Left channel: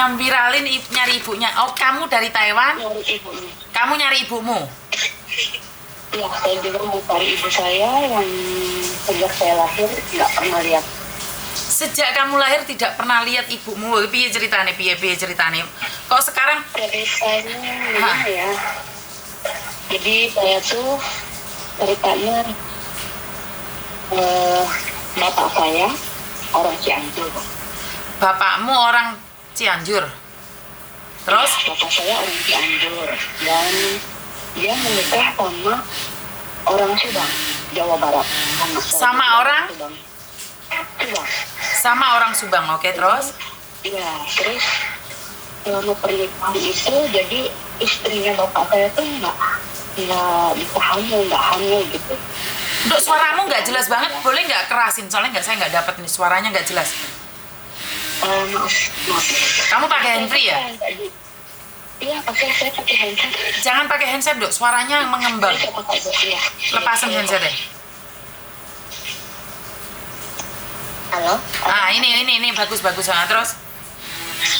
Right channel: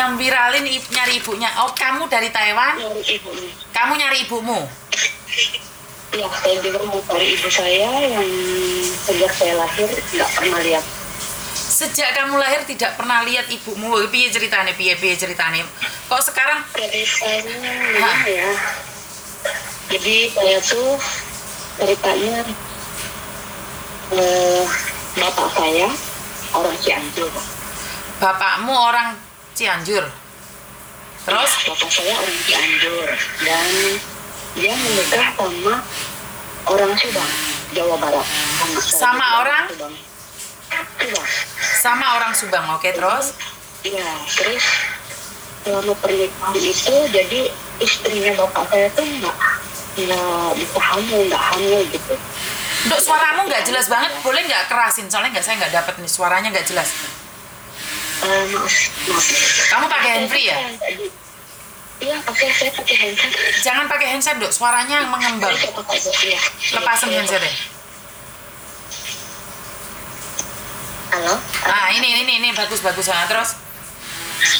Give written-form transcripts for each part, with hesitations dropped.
Yang viralin nyari ibunya. Oh, kamu dari Taiwan? Nyari ibunya. Kamu nyari ibumu? Ya, saya juga mau cari ibu saya yang sejak saya lahir nggak pernah lihat. Sejak kamu lahir tidak pernah lihat ibumu. Piye ceritane? Piye ceritane? Kok sekarang? Ceritanya gimana ya? Jadi saya tuh ceritanya bapak saya orang Cianjur. Bapakmu orang Cianjur. Terus? Bapak saya orang Cianjur dan dia menikah sama orang Subang, Jawa Barat. Sama orang? Subang. Sama orang Subang. Oke, terus? Iya, terus selama pernikahan itu jadi istrinya bapak saya tuh nggak bisa hamil, nggak hamil gitu. Dok, suaramu nggak jelas banget. Boleh nggak kerasin? Soalnya saya nggak dapet nih, suaranya nggak jelas. Maaf. Kamu pakai handfree ya? Iya, saya pakai handset. Jangan pakai handset, Dok. Suaranya mengembang. Saya pakai ya. Lepasin handsetnya. Halo? Ah, ini bagus. Ah, terus?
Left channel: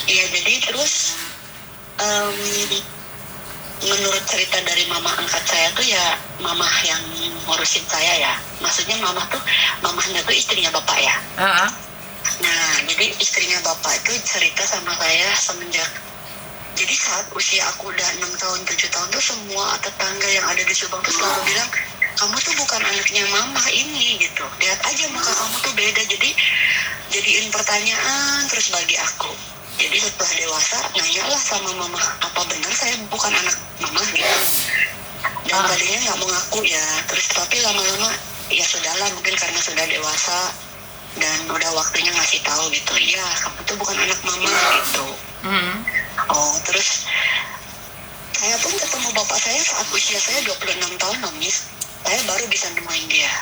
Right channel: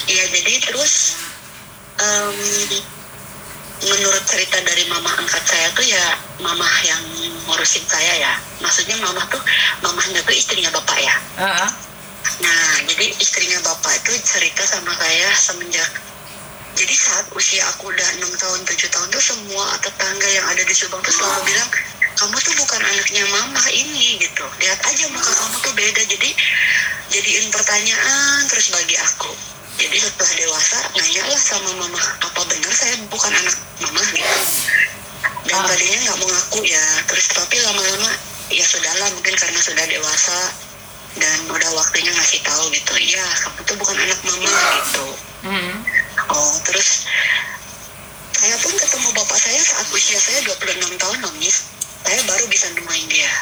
Iya, jadi terus menurut cerita dari mama angkat saya tuh ya mama yang ngurusin saya ya. Maksudnya mamahnya tuh istrinya bapak ya. Nah, jadi istrinya bapak itu cerita sama saya semenjak. Jadi saat usia aku udah 6 tahun, 7 tahun tuh semua tetangga yang ada di Subang tuh selalu bilang, kamu tuh bukan anaknya mama ini gitu. Lihat aja muka kamu tuh beda. Jadi jadiin pertanyaan terus bagi aku. Jadi setelah dewasa, nanyalah sama mama, apa benar saya bukan anak mama gitu. Dan tadinya nggak mau ngaku ya. Terus tapi lama-lama, ya sudahlah mungkin karena sudah dewasa dan udah waktunya ngasih tahu gitu. Iya, kamu tuh bukan anak mama gitu. Oh, terus saya pun ketemu bapak saya saat usia saya 26 tahun, Miss. Saya baru bisa nemuin dia.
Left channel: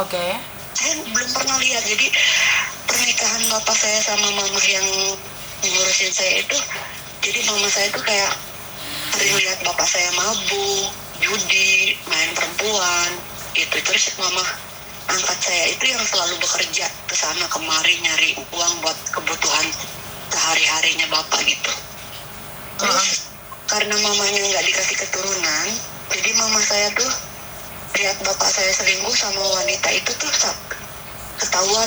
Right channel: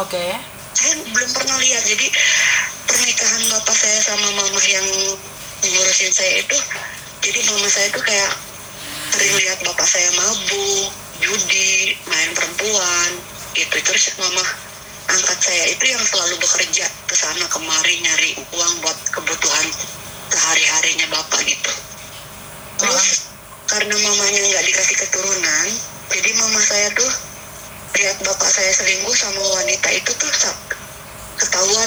Oke. Saya belum pernah lihat. Jadi pernikahan bapak saya sama mama yang ngurusin saya itu, jadi mama saya tuh kayak sering lihat bapak saya mabuk, judi, main perempuan gitu. Terus mama angkat saya itu yang selalu bekerja ke sana kemari nyari uang buat kebutuhan sehari-harinya bapak gitu. Terus karena mamanya nggak dikasih keturunan, jadi mama saya tuh lihat bapak saya selingkuh sama wanita itu tuh ketahuan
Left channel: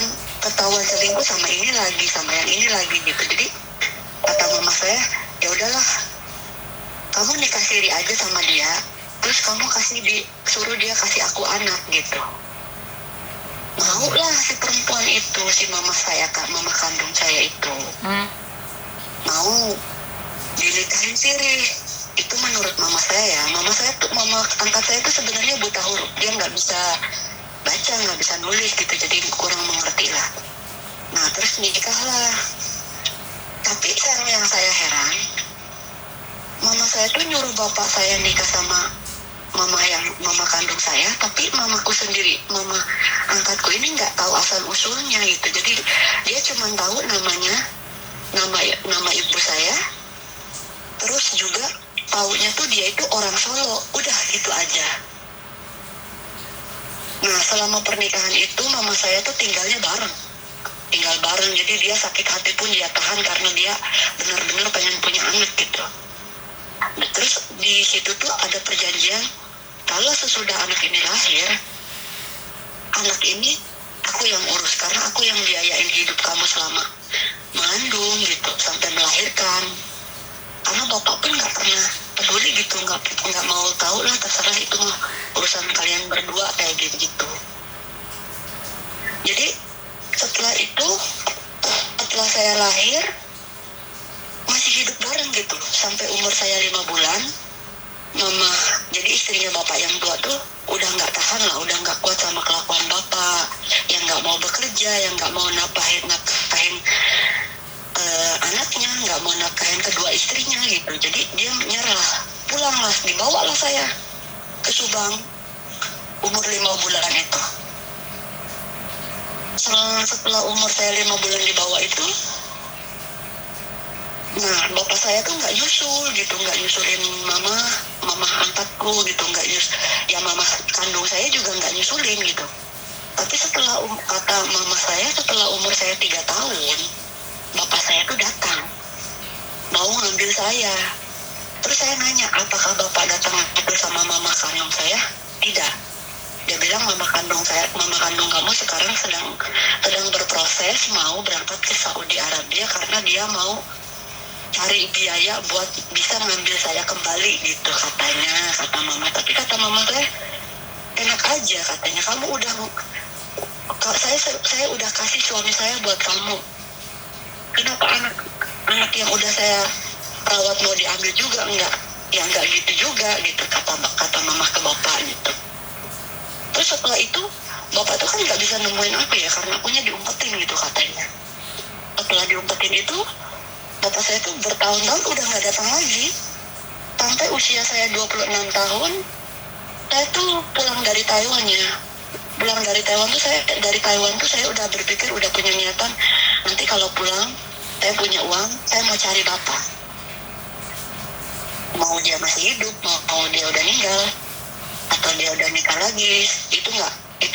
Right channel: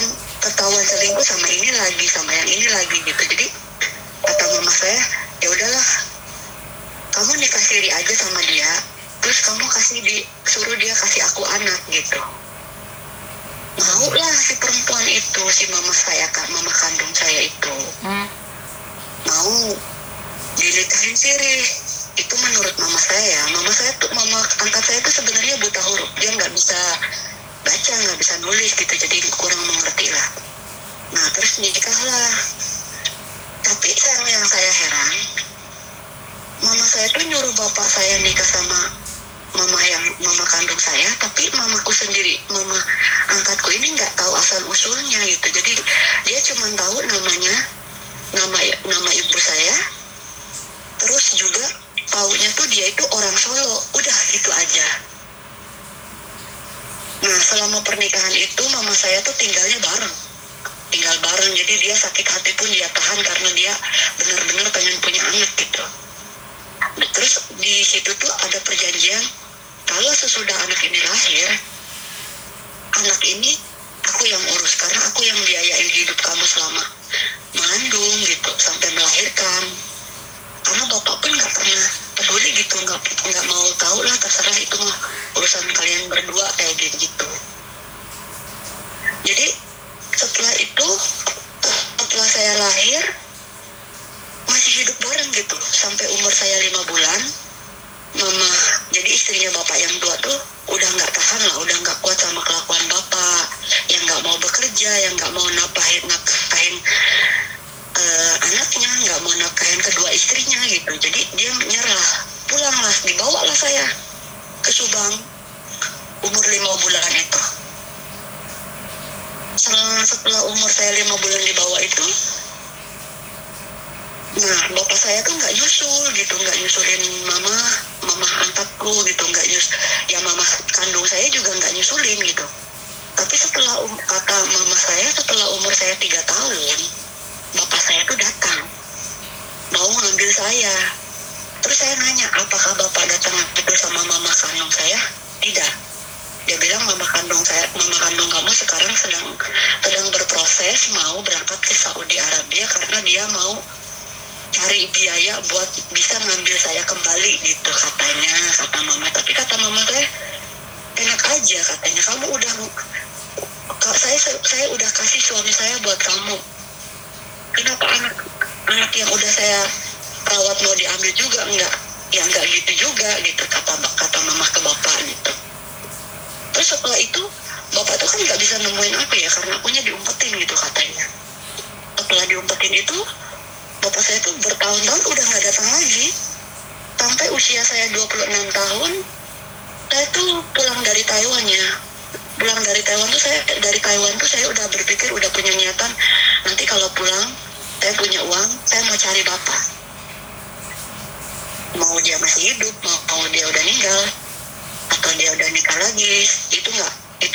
selingkuh sama ini lagi, sama yang ini lagi gitu. Jadi kata mama saya, ya udahlah, kamu nikah siri aja sama dia, terus kamu suruh dia kasih aku anak gitu. Mau lah si perempuan itu, si mama kandung saya itu mau dinikahin siri. Itu menurut mama saya. Mama angkat saya tuh sebenarnya buta huruf, dia nggak bisa baca, nggak bisa nulis gitu, jadi kurang mengerti lah. Nah terus nikahlah. Tapi yang saya heran, mama saya tuh nyuruh bapak saya nikah sama mama kandung saya, tapi mamaku sendiri, mama angkatku ini nggak tahu asal usulnya gitu. Jadi dia cuma tahu nama ibu saya, terus juga taunya tuh dia itu orang Solo, udah gitu aja. Nah selama pernikahan itu mama saya tuh tinggal bareng, jadi dia sakit hati pun dia tahan karena dia benar-benar pengen punya anak gitu. Terus di situ tuh ada perjanjian, kalau sesudah anak ini lahir, anak ini aku yang urus karena aku yang biayain hidup kamu selama mengandung gitu sampai melahirkan. Karena bapak pun nggak pernah peduli gitu, nggak mau tahu lah, terserah itu mah urusan kalian berdua kayak gitu. Jadi setelah saya lahir masih hidup bareng gitu sampai umur saya 5 bulan. Mama, jadi istrinya bapak yang tua tuh udah nggak tahan lah, udah nggak kuat sama kelakuan bapak yang nggak mau bekerja, yang nggak mau nafkahin anaknya, nggak mau nafkahin kedua istrinya gitu. Jadi dia menyerah, pulanglah, dibawalah saya ke Subang umur 5 bulan itu. Setelah umur saya 5 bulan dibawa itu, nah bapak saya tuh nggak nyusulin mama angkatku gitu, ya mama kandung saya juga nggak nyusulin gitu. Tapi kata mama saya, setelah umur saya 3 tahun bapak saya tuh datang mau ngambil saya. Terus saya nanya, apakah bapak datang itu sama mama kandung saya? Tidak. Dia bilang mama kandung kamu sekarang sedang berproses mau berangkat ke Saudi Arabia karena dia mau cari biaya buat bisa ngambil saya kembali gitu katanya, kata mama. Tapi kata mama saya, enak aja katanya, kamu udah saya udah kasih suami saya buat kamu. Kenapa anak yang udah saya rawat mau diambil juga? Enggak, ya enggak gitu juga gitu, kata mama ke bapak gitu. Terus setelah itu bapak tuh kan nggak bisa nemuin aku ya karena akunya diumpetin gitu katanya. Setelah diumpetin itu bapak saya tuh bertahun-tahun udah nggak datang lagi. Sampai usia saya 26 tahun saya tuh pulang dari Taiwan ya. Pulang dari Taiwan tuh saya udah berpikir, udah punya niatan, nanti kalau pulang saya punya uang, saya mau cari bapak. Mau dia masih hidup, mau dia udah meninggal, atau dia udah nikah lagi, itu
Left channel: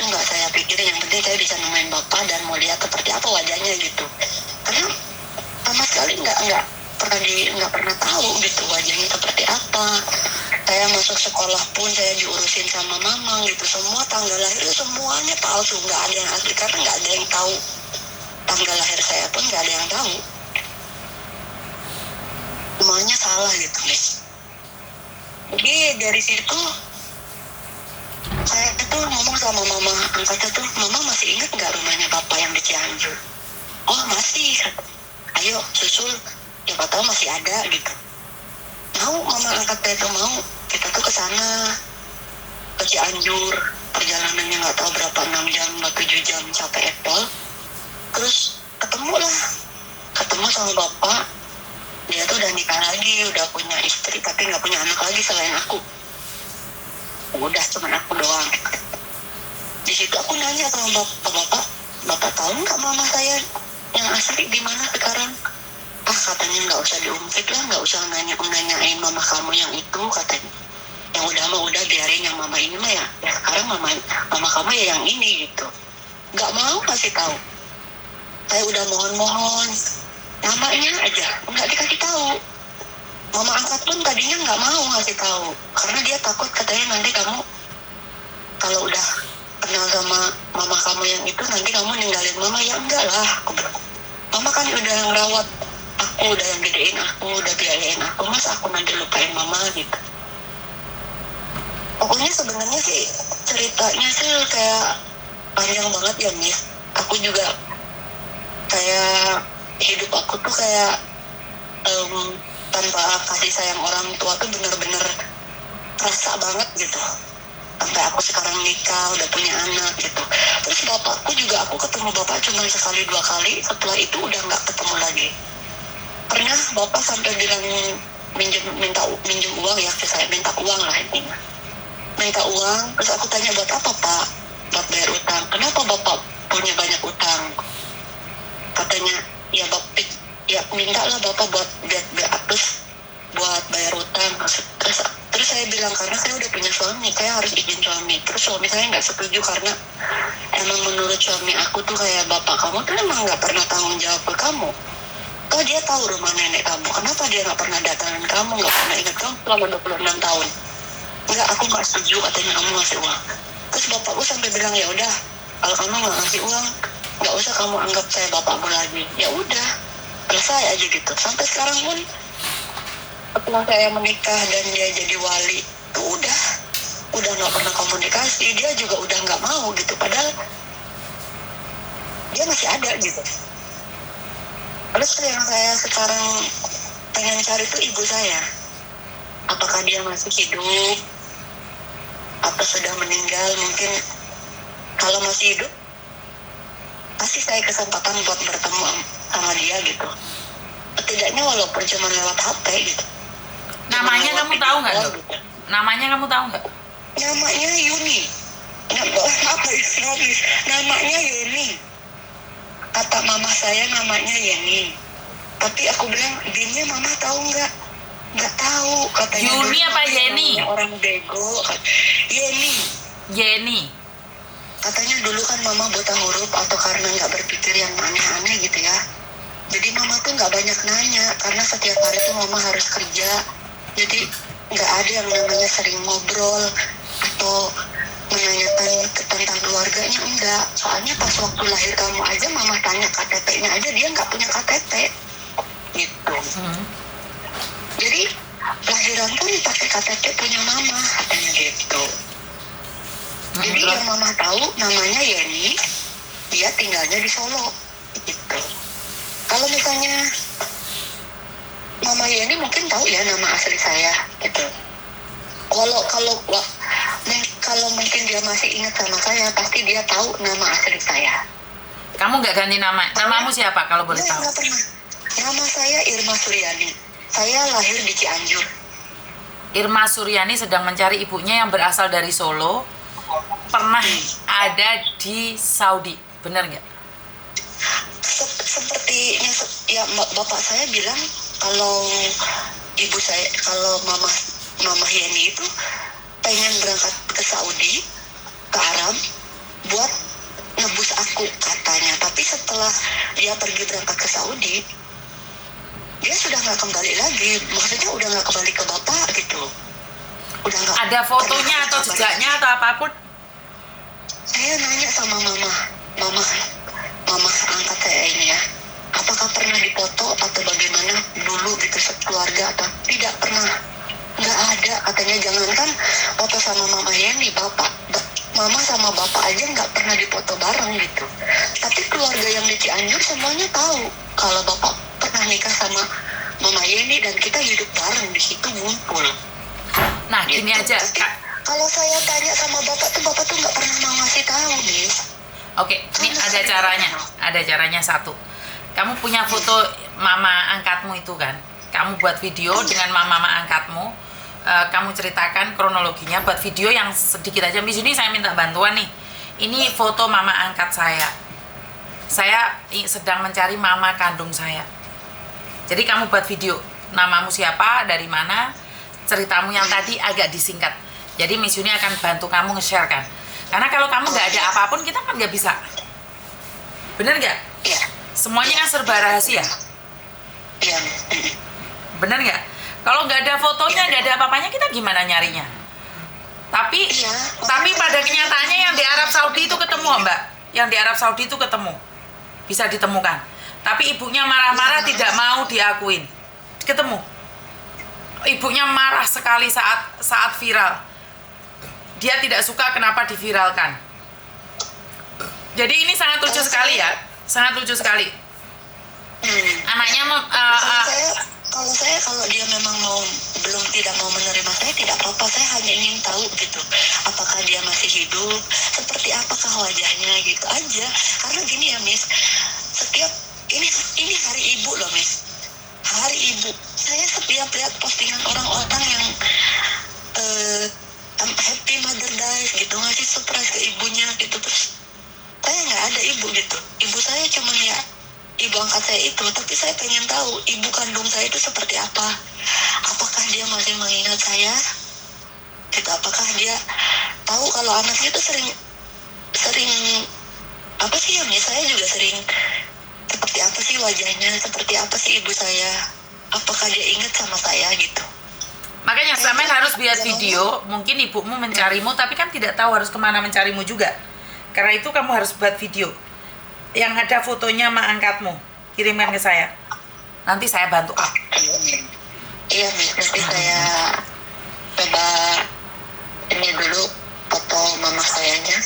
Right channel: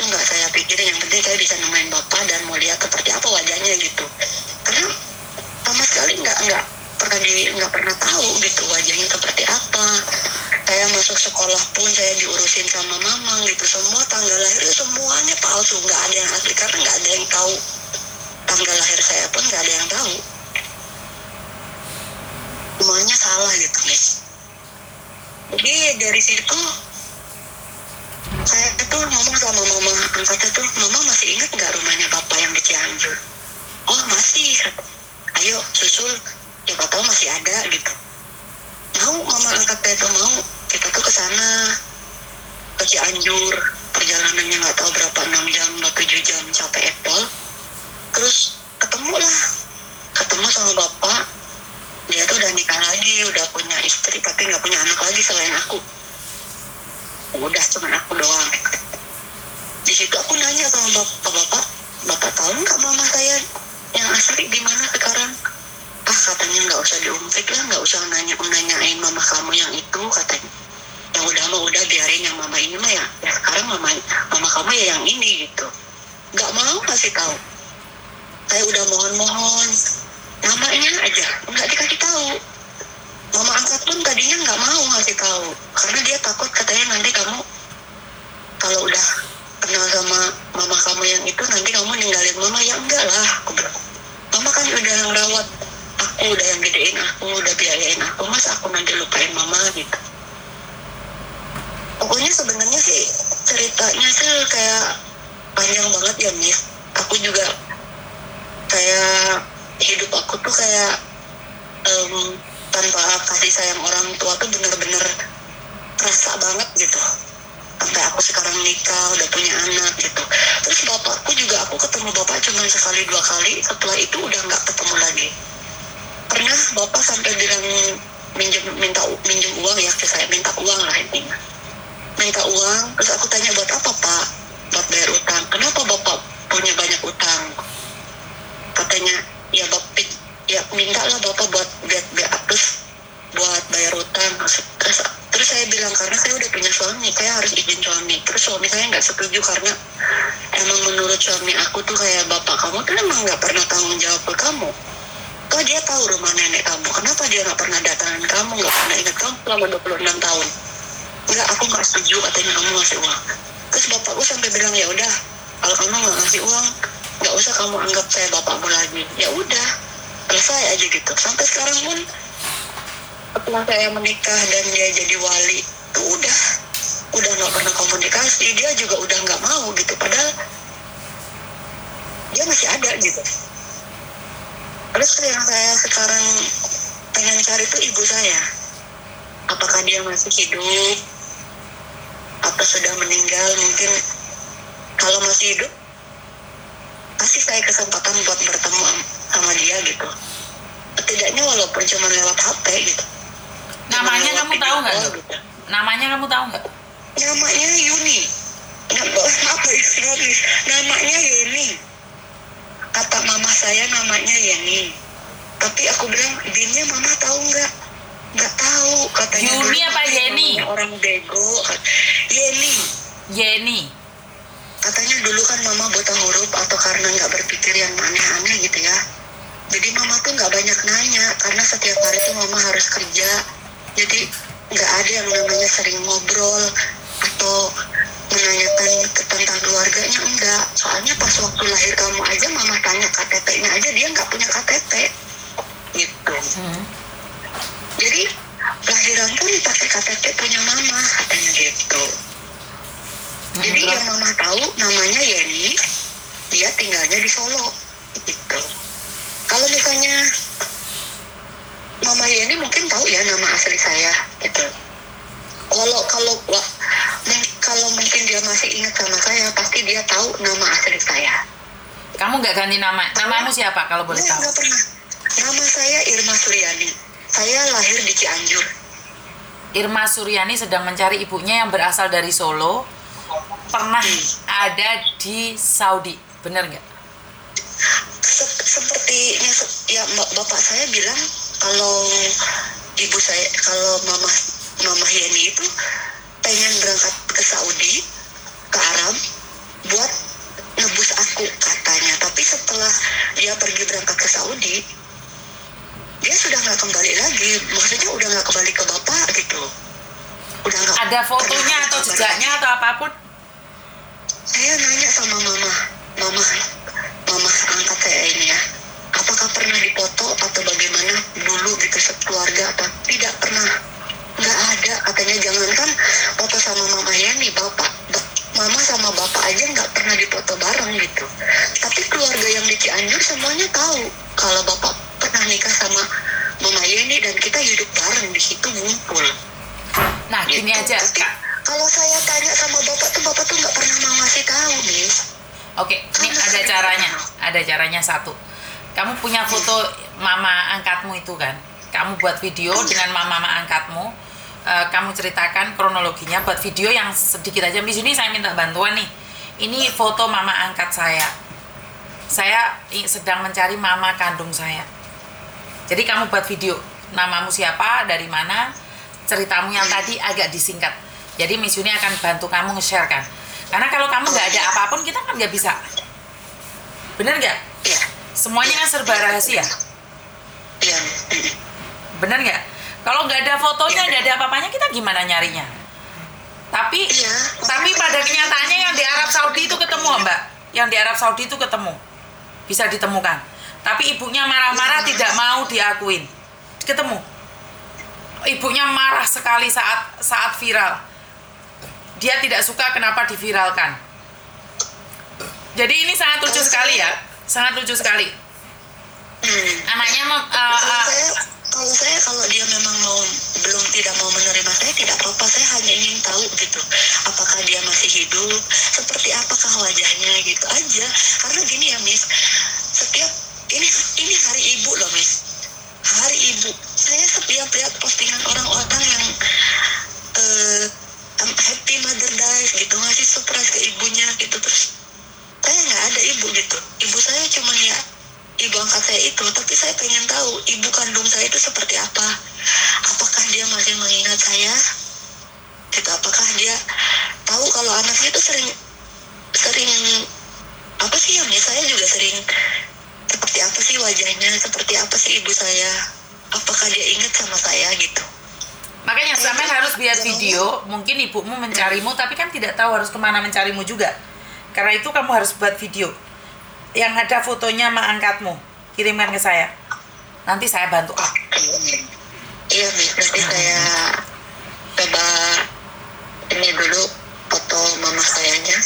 nggak saya pikirin. Yang penting saya bisa nemuin bapak dan mau lihat seperti apa wajahnya gitu. Karena sama sekali nggak pernah tahu gitu wajahnya seperti apa. Saya masuk sekolah pun saya diurusin sama mama gitu, semua tanggal lahir semuanya palsu, nggak ada yang asli karena nggak ada yang tahu tanggal lahir saya pun, nggak ada yang tahu, semuanya salah gitu guys. Jadi dari situ saya tuh ngomong sama mama angkatnya tuh, mama masih ingat nggak rumahnya bapak yang di Cianjur? Oh masih, ayo susul, siapa tahu masih ada gitu. Mau mama angkatnya tuh mau, kita tuh ke sana ke Cianjur, perjalanannya nggak tahu berapa, 6 jam atau 7 jam sampai Apple. Terus ketemu sama bapak, dia tuh udah nikah lagi, udah punya istri tapi nggak punya anak lagi selain aku. Udah cuman aku doang. Di situ aku nanya sama bapak tahu nggak mama saya yang asli di mana sekarang? Katanya nggak usah diungkit lah, nggak usah nanyain mama kamu yang itu katanya. Yang udah biarin yang mama ini mah ya sekarang mama kamu ya yang ini gitu. Nggak mau kasih tahu. Saya udah mohon namanya aja nggak dikasih tahu. Mama angkat pun tadinya nggak mau ngasih tahu karena dia takut, katanya nanti kamu kalau udah kenal sama mama kamu yang itu nanti kamu ninggalin mama. Ya enggak lah, aku bilang, mama kan udah ngerawat aku, udah yang gedein aku, udah biayain aku, masa aku nanti lupain mama gitu. Pokoknya sebenarnya sih ceritanya sih kayak panjang banget ya Miss. Aku juga kayak hidup aku tuh kayak tanpa kasih sayang orang tua tuh bener-bener kerasa banget gitu. Sampai aku sekarang nikah, udah punya anak gitu. Terus bapakku juga, aku ketemu bapak cuma sekali 2 kali, setelah itu udah nggak ketemu lagi. Pernah bapak sampai bilang minjem uang ya ke saya, minta uang lah intinya. Minta uang, terus aku tanya buat apa pak? Buat bayar utang. Kenapa bapak punya banyak utang? Katanya ya bapak ya minta lah bapak buat buat bayar utang. Terus saya bilang karena saya udah punya suami, saya harus izin suami. Terus suami saya nggak setuju karena emang menurut suami aku tuh kayak, bapak kamu tuh emang nggak pernah tanggung jawab ke kamu. Toh dia tahu rumah nenek kamu, kenapa dia nggak pernah datangin kamu, nggak pernah ingat kamu selama 26 tahun? Enggak, aku nggak setuju katanya kamu ngasih uang. Terus bapakku sampai bilang ya udah, kalau kamu nggak ngasih uang, nggak usah kamu anggap saya bapakmu lagi. Ya udah, selesai aja gitu. Sampai sekarang pun setelah saya menikah dan dia jadi wali, tuh udah nggak pernah komunikasi. Dia juga udah nggak mau gitu, padahal dia masih ada gitu. Terus yang saya sekarang pengen cari tuh ibu saya. Apakah dia masih hidup? Apa sudah meninggal? Mungkin kalau masih hidup, pasti saya kesempatan buat bertemu sama dia gitu. Setidaknya walaupun cuma lewat HP gitu. Namanya kamu tahu nggak? Gitu. Namanya kamu tahu nggak? Namanya Yuni. Apa ya? Namanya Yeni. Kata mama saya namanya Yeni. Tapi aku bilang, Binnya mama tahu nggak? Nggak tahu katanya. Yuni apa Yeni? Orang bego. Yeni. Yeni. Katanya dulu kan mama buta huruf atau karena nggak berpikir yang aneh-aneh gitu ya. Jadi mama tuh nggak banyak nanya karena setiap hari tuh mama harus kerja. Jadi nggak ada yang namanya sering ngobrol atau menanyakan tentang keluarganya, enggak. Soalnya pas waktu lahir kamu aja mama tanya KTP-nya aja dia nggak punya KTP gitu. Jadi lahiran pun pakai KTP punya mama katanya gitu. Jadi yang mama tahu namanya Yeni, dia tinggalnya di Solo gitu. Kalau misalnya Mama Yeni mungkin tahu ya nama asli saya gitu. Kalau mungkin dia masih ingat sama saya, pasti dia tahu nama asli saya. Kamu nggak ganti nama? Namamu siapa kalau boleh tahu? Nggak pernah. Nama saya Irma Suryani. Saya lahir di Cianjur. Irma Suryani sedang mencari ibunya yang berasal dari Solo. Pernah ada di Saudi, benar nggak? Sepertinya ya bapak saya bilang kalau ibu saya, kalau mama Yeni itu pengen berangkat ke Saudi, ke Arab buat nebus aku katanya. Tapi setelah dia pergi berangkat ke Saudi, dia sudah nggak kembali lagi. Maksudnya udah nggak kembali ke bapak gitu. Udah nggak. Ada fotonya atau jejaknya atau apapun? Saya nanya sama mama angkat saya ini ya, apakah pernah dipoto atau bagaimana dulu gitu sekeluarga atau tidak pernah, nggak ada katanya. Jangankan foto sama mama Yeni, mama sama bapak aja nggak pernah dipoto bareng gitu. Tapi keluarga yang di Cianjur semuanya tahu kalau bapak pernah nikah sama mama Yeni dan kita hidup bareng di situ ngumpul. Nah gitu. gini aja Tapi, Kak. kalau saya tanya sama bapak tuh nggak pernah mau ngasih tahu, Miss. Oke, ini ada caranya satu. Kamu punya foto mama angkatmu itu kan? Kamu buat video dengan mama angkatmu. Kamu ceritakan kronologinya, buat video yang sedikit aja. Di sini saya minta bantuan nih. Ini foto mama angkat saya. Saya sedang mencari mama kandung saya. Jadi kamu buat video. Namamu siapa, dari mana, ceritamu yang tadi agak disingkat. Jadi Miss Yuni akan bantu kamu nge-share kan. Karena kalau kamu nggak ada apapun, kita kan nggak bisa. Bener nggak? Iya. Semuanya kan serba rahasia. Iya. Bener nggak? Kalau nggak ada fotonya, nggak ada apa-apanya, kita gimana nyarinya? Tapi pada kenyataannya yang di Arab Saudi itu ketemu, Mbak. Yang di Arab Saudi itu ketemu. Bisa ditemukan. Tapi ibunya marah-marah, tidak mau diakuin. Ketemu. Ibunya marah sekali saat viral. Dia tidak suka kenapa diviralkan. Jadi ini sangat lucu sekali ya. Sangat lucu sekali. Anaknya kalau dia memang tidak mau menerima saya, tidak apa-apa. Saya hanya ingin tahu gitu, apakah dia masih hidup, seperti apakah wajahnya gitu aja. Karena gini ya, Miss, setiap ini hari ibu loh, Miss. Hari ibu. Saya setiap lihat postingan orang-orang yang happy Mother Day gitu, ngasih surprise ke ibunya gitu, terus saya nggak ada ibu gitu. Ibu saya cuma ya ibu angkat saya itu, tapi saya pengen tahu ibu kandung saya itu seperti apa. Apakah dia masih mengingat saya gitu, apakah dia tahu kalau anaknya itu sering apa sih ya, saya juga sering seperti apa sih wajahnya, seperti apa sih ibu saya, apakah dia ingat sama saya gitu. Makanya sampai harus buat video. Mungkin ibumu mencarimu, tapi kan tidak tahu harus kemana mencarimu juga. Karena itu kamu harus buat video yang ada fotonya mak angkatmu, kirimkan ke saya. Nanti saya bantu. Iya, Miss. Nanti saya coba ini dulu foto mama sayanya.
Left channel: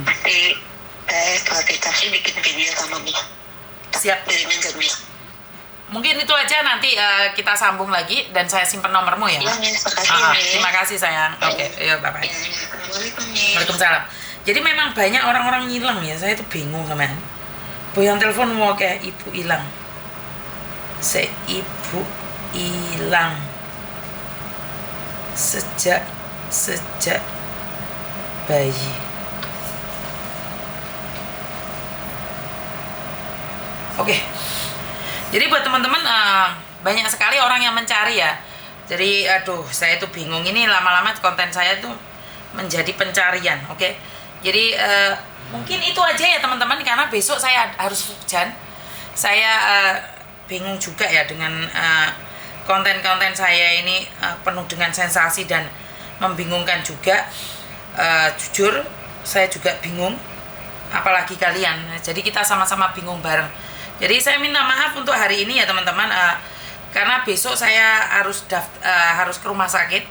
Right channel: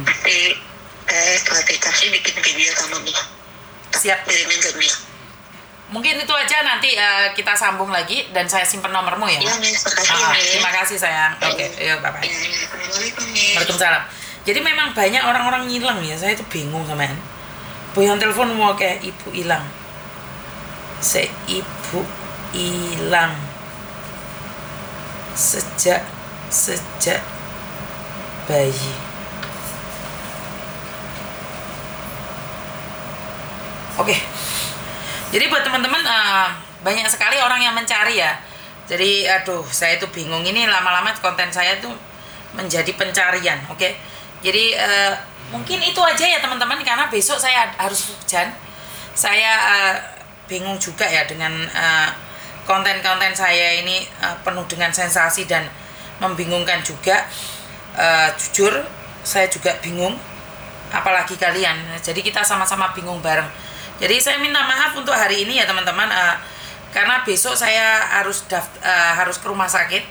Nanti saya klarifikasi bikin video sama Miss. Siap. Kirimin ke Miss. Mungkin itu aja, nanti kita sambung lagi dan saya simpen nomormu ya. Iya, Miss. Makasih, terima kasih sayang. Oke, yuk bye-bye. Assalamualaikum, Miss. Waalaikumsalam. Jadi memang banyak orang-orang ngilang ya. Saya tuh bingung sama ini. Yang telepon mau kayak ibu hilang. Ibu hilang. Sejak bayi. Oke. Jadi buat teman-teman banyak sekali orang yang mencari ya. Jadi aduh, saya tuh bingung, ini lama-lama konten saya tuh menjadi pencarian, oke? Jadi mungkin itu aja ya teman-teman, karena besok saya harus hujan. Saya bingung juga ya dengan konten-konten saya ini penuh dengan sensasi dan membingungkan juga. Jujur saya juga bingung, apalagi kalian. Jadi kita sama-sama bingung bareng. Jadi saya minta maaf untuk hari ini ya teman-teman, karena besok saya harus ke rumah sakit.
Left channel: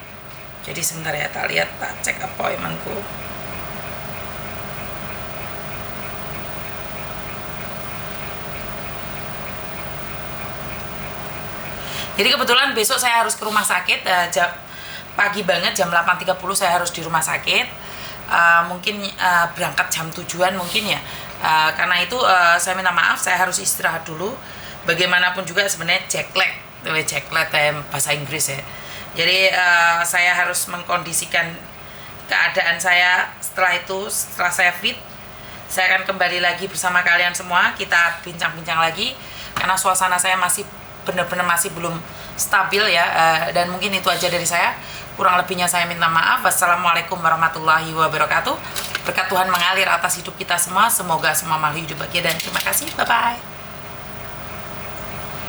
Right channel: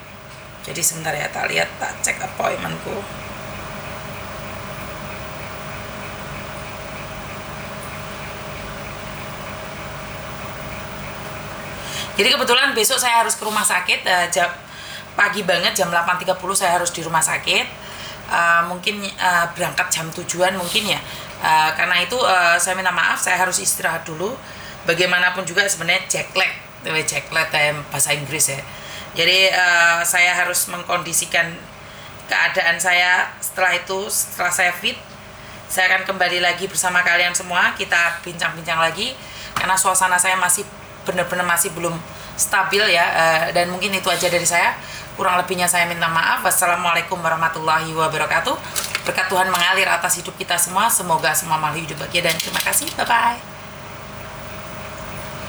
Jadi sebentar ya, tak cek appointmentku. Jadi kebetulan besok saya harus ke rumah sakit, pagi banget jam 8.30 saya harus di rumah sakit. Mungkin berangkat jam 7-an mungkin ya. Karena itu saya minta maaf, saya harus istirahat dulu. Bagaimanapun juga sebenarnya jet lag bahasa Inggris ya. Jadi saya harus mengkondisikan keadaan saya. Setelah saya fit, saya akan kembali lagi bersama kalian semua. Kita bincang-bincang lagi karena suasana saya masih benar-benar masih belum stabil ya. Dan mungkin itu aja dari saya. Kurang lebihnya saya minta maaf. Wassalamualaikum warahmatullahi wabarakatuh. Berkat Tuhan mengalir atas hidup kita semua. Semoga semua makhluk hidup bahagia dan terima kasih. Bye-bye.